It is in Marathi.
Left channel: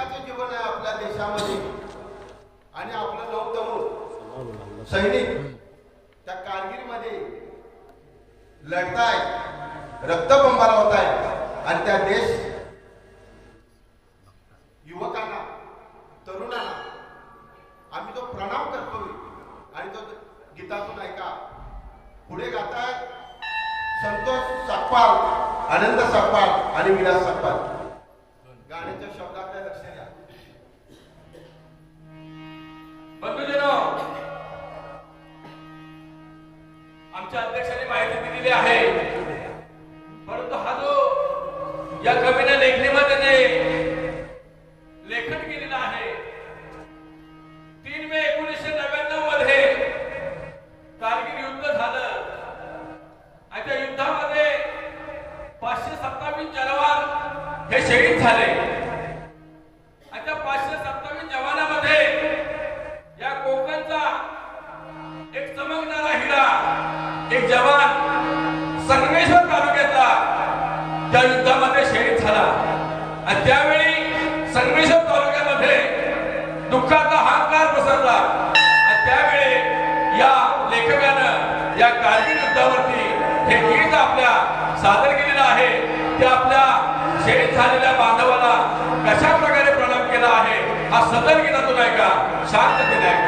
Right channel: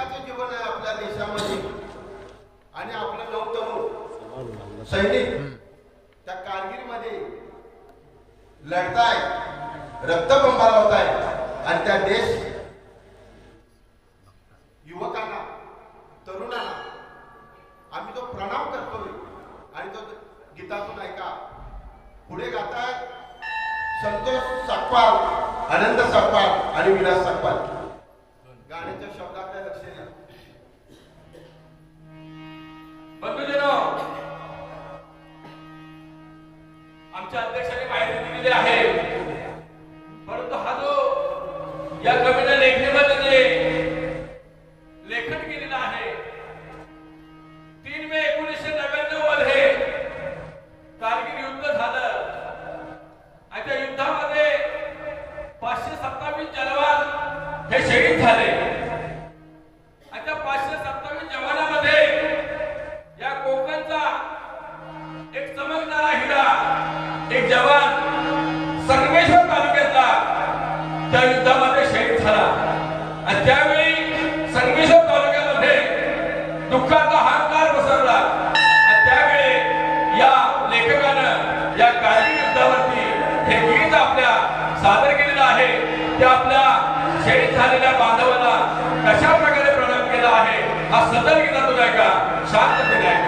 हक्काचं जीवन आहे आपल्या देशामध्ये. आणि आपलं नवतरुण सैनिक त्या कारगिरीमध्ये लढताय रक्तबंबार होत आहे आणि त्या देश युवकांना तरुणांना आम्ही तो प्रणाम करतोय. आणि तो गीतातून ऐका. पुढे गाताय संतोष सकपाल आनंद सकपाल आणि विलास सकपाल गाण्याच्या शब्दाकडे लक्ष द्या बंधुजनो आमच्या अध्यक्षांनी माहिती दिलेली आहे. परंतु हा जो या कवीने लेखणीमध्ये जे लेखन केलेलं आहे तीन मे एकोणीसशे नव्याण्णवमध्ये कारगिल युद्ध झालं. आणि त्या युद्धामध्ये पाचशे सत्तावीस जलवान हे शहीद झाले. जवान संगमेश्वर तालुक्यातला त्या युद्धामध्ये शहीद झाला. आणि त्यावेळी संगमेश्वर तालुक्यामध्ये दुःखाचा हातगार पसरला. आणि त्यावेळी या लेखकानं या कारगिल युद्धावरती हे गीत आपल्या सादर केलेलं आहे. ते आपल्या शहीद झालेल्या बांधवाला कशा प्रकारे प्रणाम केला आहे हा सदर गीतातून ऐका. शांत केला